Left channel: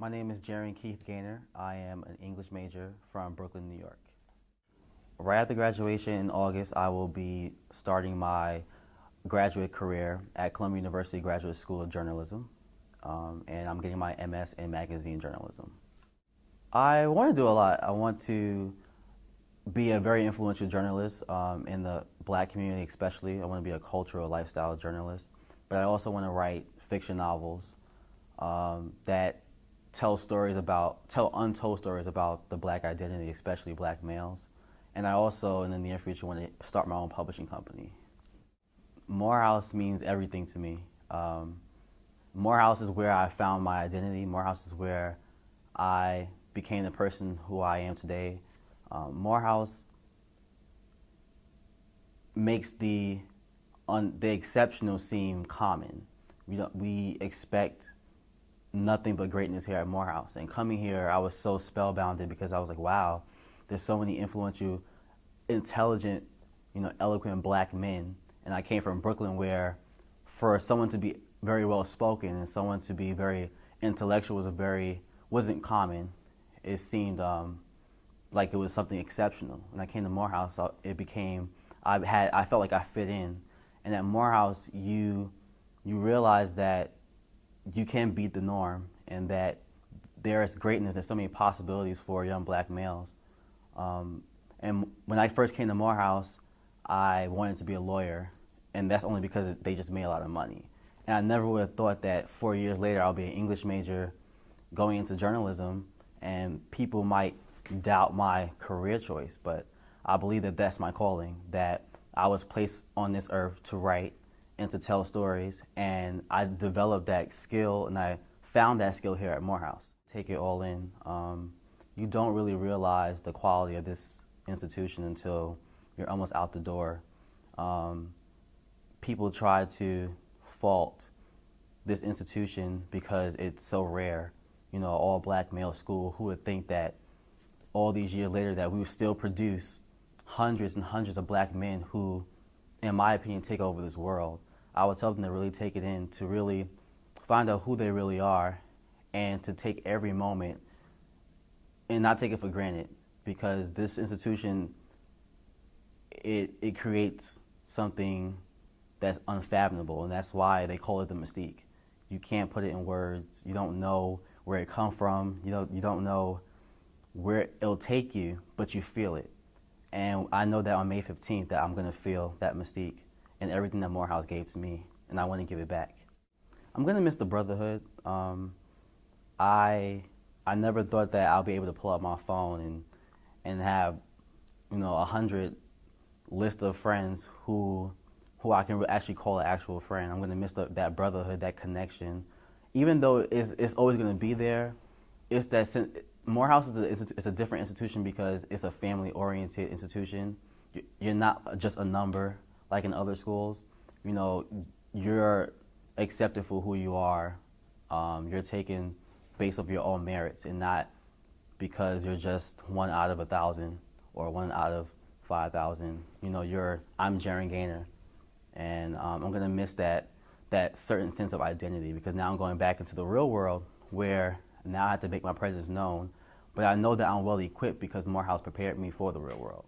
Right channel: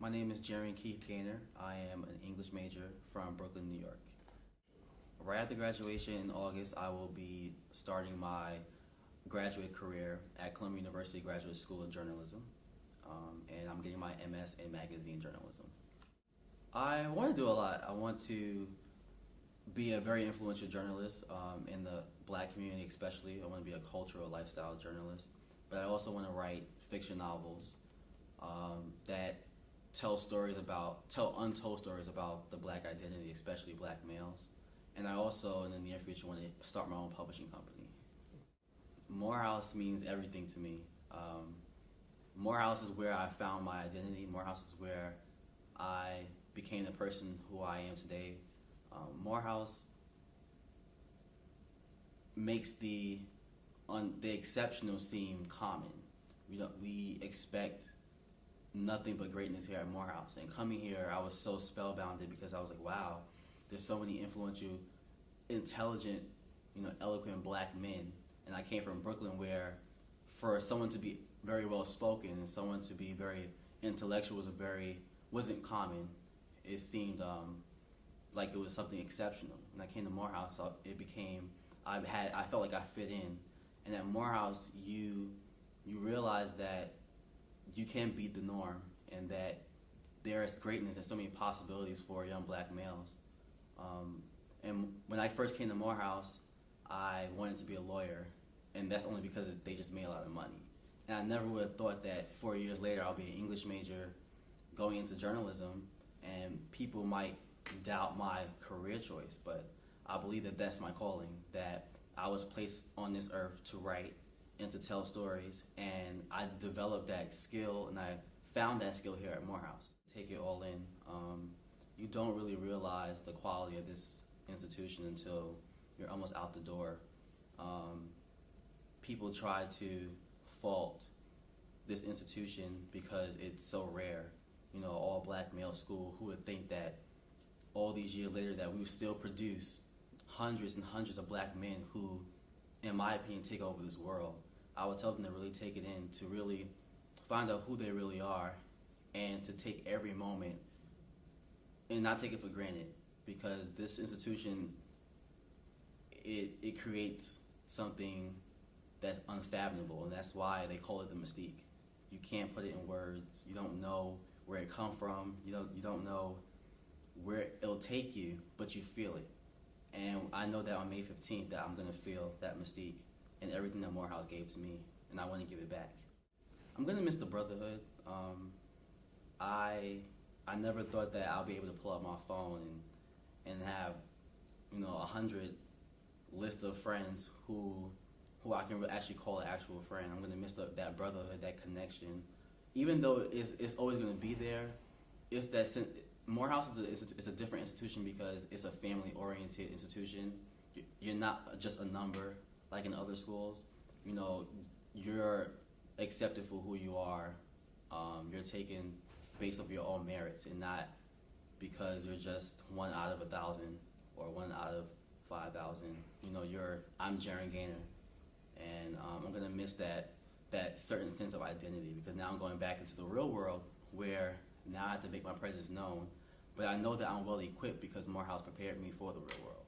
My name is Gerren Gaynor. I am an English major from Brooklyn, New York. Right after graduation in August, I will be starting my graduate career at Columbia University Graduate School of Journalism, and I'm getting my MS in magazine journalism. I want to do a lot. I want to be a very influential journalist in the black community especially. I want to be a cultural lifestyle journalist, but I also want to write fiction novels that tell untold stories about the black identity, especially black males. And I also, in the near future, want to start my own publishing company. Morehouse means everything to me. Morehouse is where I found my identity. Morehouse is where I became the person who I am today. Morehouse makes the exceptional seem common. We expect nothing but greatness here at Morehouse. And coming here, I was so spellbounded because I was like, wow, there's so many influential, intelligent, eloquent black men. And I came from Brooklyn where for someone to be very well spoken and someone to be very intellectual wasn't common. It seemed like it was something exceptional. When I came to Morehouse, I felt like I fit in. And at Morehouse, you realize that you can beat the norm and that there is greatness and so many possibilities for young black males. And when I first came to Morehouse, I wanted to be a lawyer, and that's only because they just made a lot of money. And I never would have thought that 4 years later I'll be an English major going into journalism and people might doubt my career choice, but I believe that that's my calling, that I was placed on this earth to write and to tell stories, and I developed that skill, and I found that skill here at Morehouse. Take it all in. You don't really realize the quality of this institution until you're almost out the door. People try to fault this institution because it's so rare. All black male school. Who would think that all these years later that we would still produce hundreds and hundreds of black men who, in my opinion, take over this world. I would tell them to really take it in, to really find out who they really are, and to take every moment and not take it for granted, because this institution, it creates something that's unfathomable, and that's why they call it the mystique. You can't put it in words. You don't know where it come from. You don't know where it'll take you, but you feel it. And I know that on May 15th that I'm going to feel that mystique and everything that Morehouse gave to me, and I want to give it back. I'm going to miss the brotherhood. I never thought that I'll be able to pull up my phone and have 100 list of friends who I can actually call an actual friend. I'm going to miss that brotherhood, that connection. Even though it's always going to be there, it's that Morehouse is a different institution because it's a family-oriented institution. You're not just a number like in other schools. You're accepted for who you are. You're taken based off your own merits and not because you're just 1 out of 1,000 or 1 out of 5,000. I'm Gerren Gaynor, and I'm going to miss that certain sense of identity, because now I'm going back into the real world where now I have to make my presence known, but I know that I'm well equipped because Morehouse prepared me for the real world.